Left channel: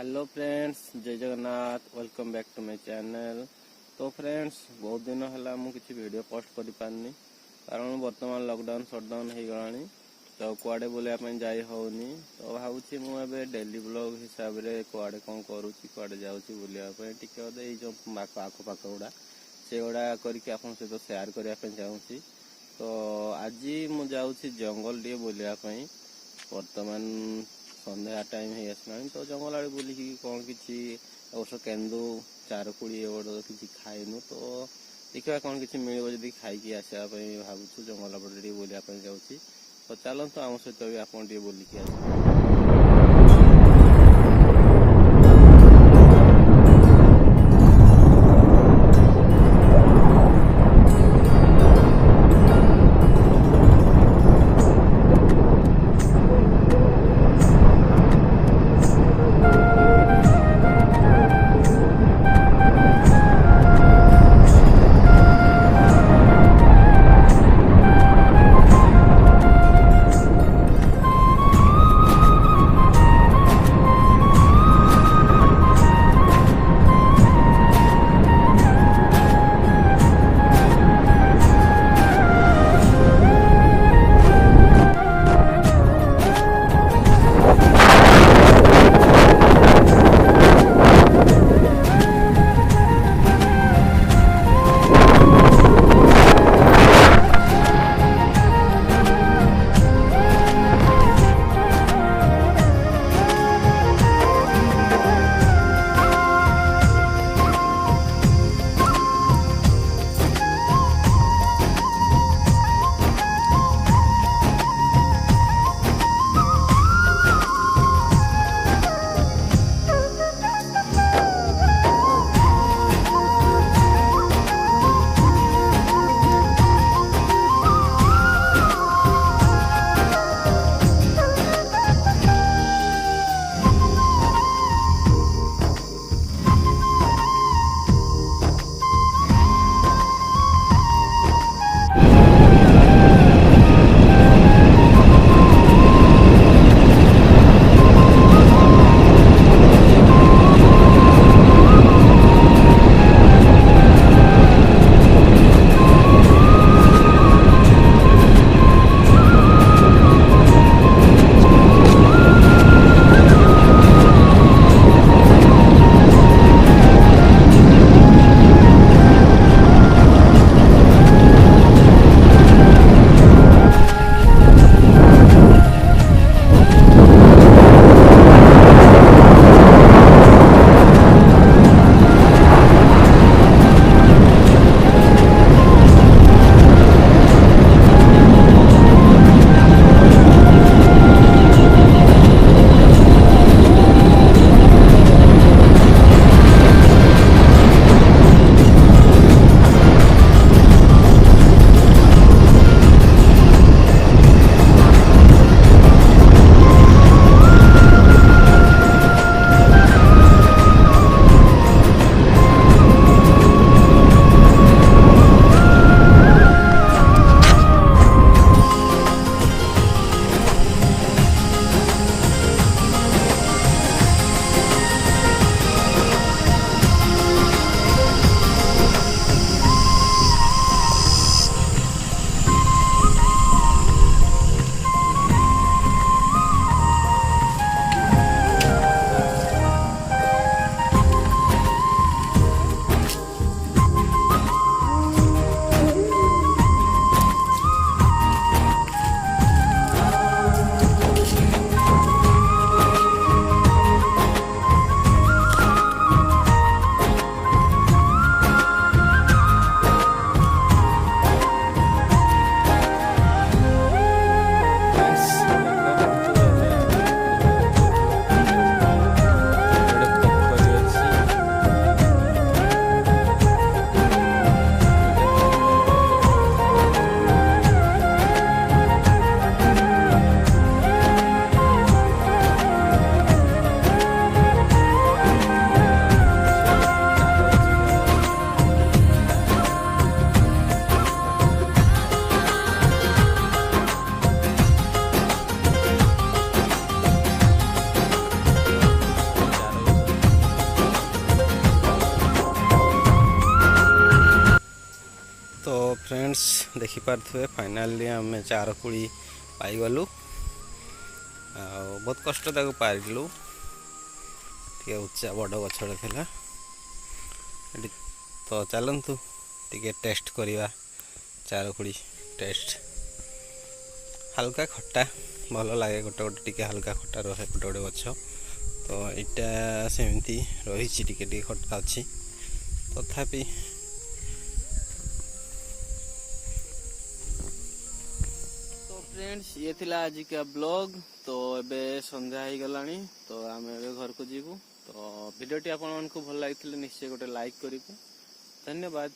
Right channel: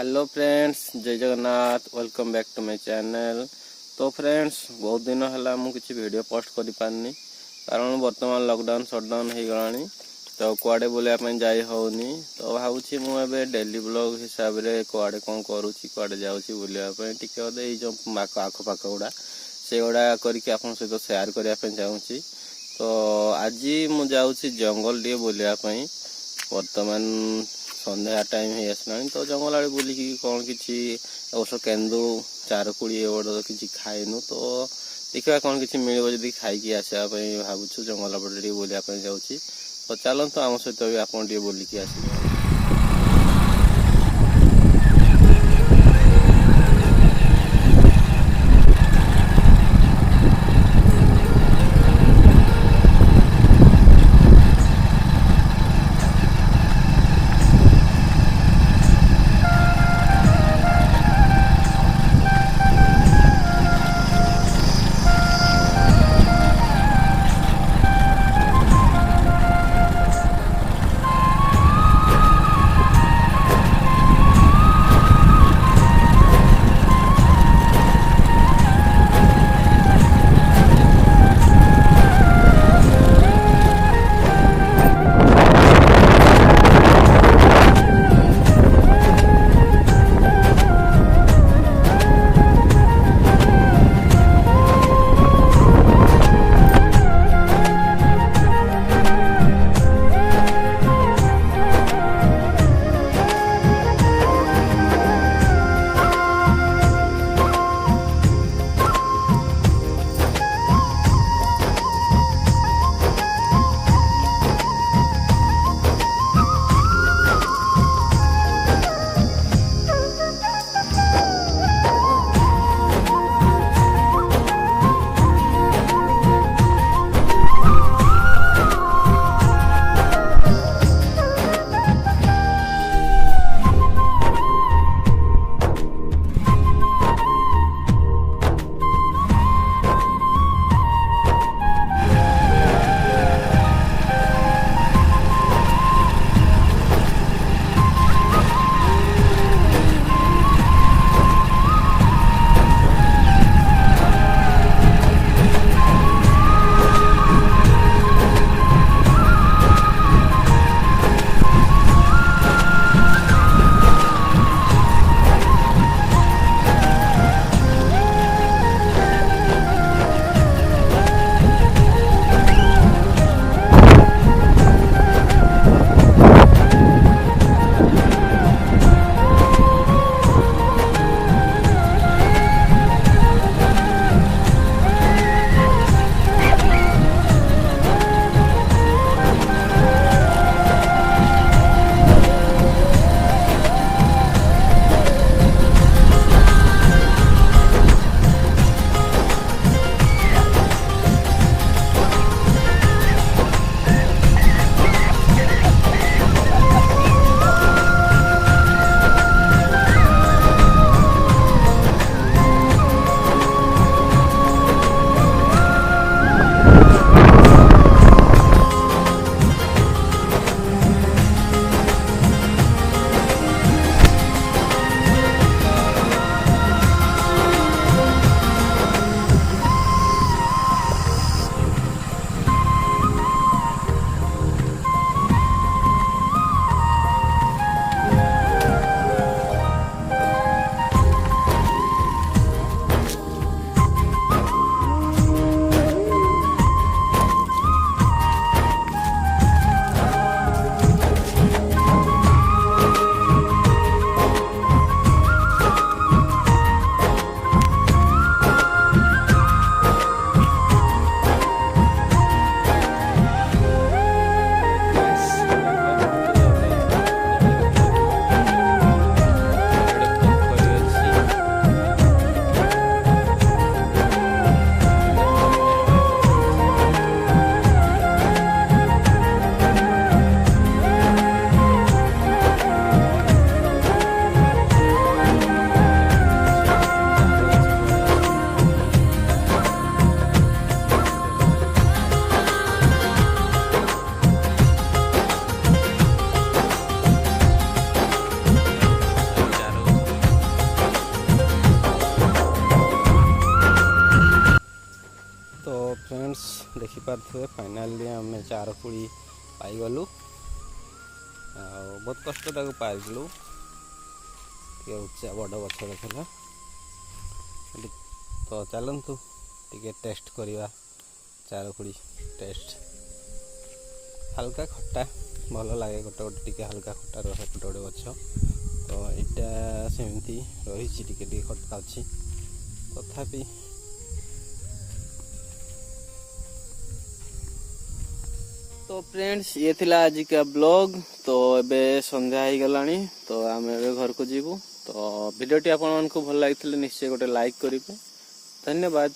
Hello friends, जय Jagannath. Welcome back to my channel. तो friends, बहुत दिन है मुझे वीडियो पोस्ट कर पारनी कारण बर्तमान लॉकडाउन शटडाउन हो गलानी, तो कुआडे बुलाया जाई होनी। तो भावुँ मुझे डेली ब्लॉग हिसाब से कुआडे कौन करुँची कुआडे जाऊँगी बुलायापी टे जो आखपाख गुड़ा से गुड़ा करके आप सहित सेयार करने चाहूँगी। तो आज मुझे जंगल टे बुलायापी बर्तमान संध्या टाइम हो आसला, तो जंगल आड़े बुलिकी कौन कि अवश्य केन्दु चारकुड़ी एवं किसी खाइनु। तो देखा कौन कि मिल जब खाई आसापी भावुँ जंगल पटे बुलायापी जाऊँगी। तो चलते आम सहित भी आप बुलिकी आस। फ्रेंड्स देखि पारथुए फाइनाली आम चारकुड़ी पाइगलु बहुत कष्ट ताको पारिलु टे उच्चा बड़ गछड़े थिला तो चलतु टे टेस्ट करवा चारकुड़ी टेस्ट हल्का खट्टा भल लगे गोटे गोटे टिके हल्का खट्टा रहे गोटे गोटे गछ तो यहाँ सेमती रही टिके खट्टा अच्छी तथापि तो फ्रेंड्स ये थिला आज का ब्लॉग तो एबे संध्या हो गलानी तो आम ए घर को जीवु तो वीडियोटी आपण मानकु भल लागिथिले निश्चय गोटे लाइक करिवे धन्यवाद।